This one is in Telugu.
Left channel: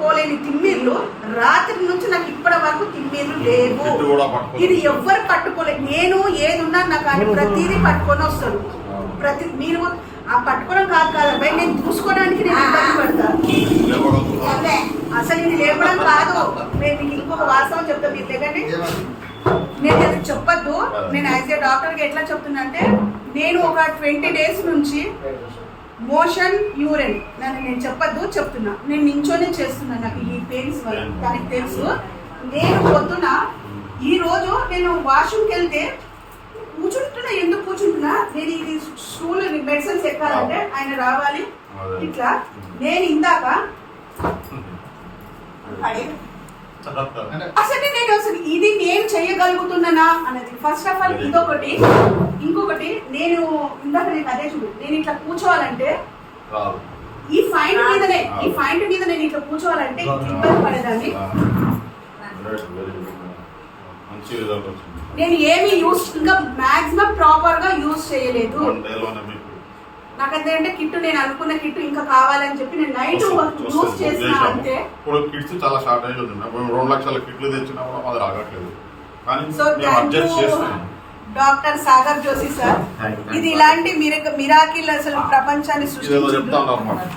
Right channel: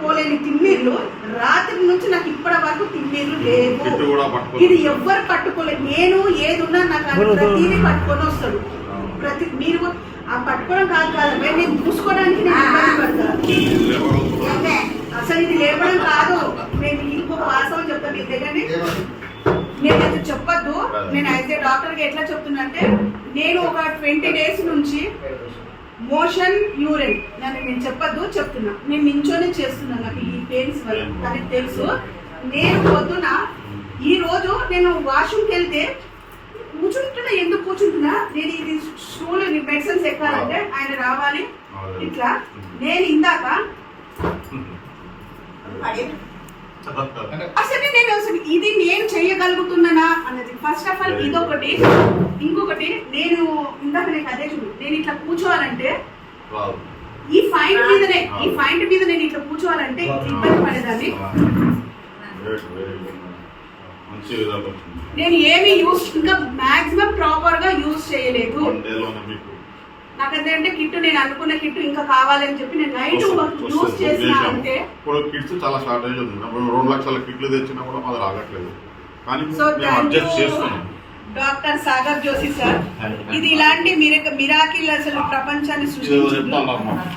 పట్టుకోలేని తిమ్మిర్లు రాత్రి నుంచి నాకు ఇప్పటి వరకు తిమ్మిర్లు లేవు. ఇది ఎవ్వరు పట్టుకోలేదు. నేను ఏది ఉన్నా నాకు ప్రతిదీ పట్టుకొని వస్తాడు. మీరు ఆ పట్టుకోవడం కాదు నేను చూసుకోవడానికి నేను ఇబ్బంది పడతాను. అసలు ఇది లేపడం కాదు. నేను మీకు ఇంకొక వాస్తవం చెప్తాను. మీరు దగ్గరని నేను అది చెప్పొద్దు. నేను యాజ్ ఏ డాక్టర్గా ఎట్లా చెప్తున్నా అంటే, నేను ఒక 20 days నుంచి మోషన్ యూరిన్ నేను చెప్పొద్దు చెప్తున్నా. నేను నించోనే చేస్తున్నా. నాకు ఈ పెయిన్స్ వల్ల తనకి తెలుసు. నేను పొద్దున ఈ రోజు నేను వాష్రూమ్కి వెళ్తే కూర్చుంటున్నా. ఎందుకు కూర్చుంటున్నా, నేను ఇది స్కూల్ మెడిసిన్స్ ఎక్కాలంటే ఆయన రావాలి ఇట్లా. నేను ఇందాక అసలు ఇది నేను చెయ్యగలుగుతున్నానా అన్నది ఫస్ట్ ఆఫ్ ఆల్ ఇదొకటి. ఇంకొకటి నేను ఇందాక నేను అదే చూడు, నేను ఇట్లా కూర్చోవాలంటే ఈ పాయింట్ మీద నేను ఇట్లా కూర్చోవాలంటే ఇబ్బంది పడేదాన్ని. నేను ఏమి యూస్ ఇంకా మాక్సిమం ప్రాపర్ గా యూజ్ చేయలేదు. నాకంటే కిట్ నేను అనుకున్న కిట్ ఇంకా కావాలని చెప్పి నేను నైట్ యూజ్ చేసిన. అంతే ఇప్పుడు కిట్స్ చాలా షార్టేజ్ ఉంది. 2 లక్షల కిట్లు తెచ్చినా కూడా అది రాగట్లేదు. So doctor Sagar Joshi sir, ఇది ఇలాంటి మిరాకిల్ అసలు ప్రపంచాన్ని సృష్టించింది.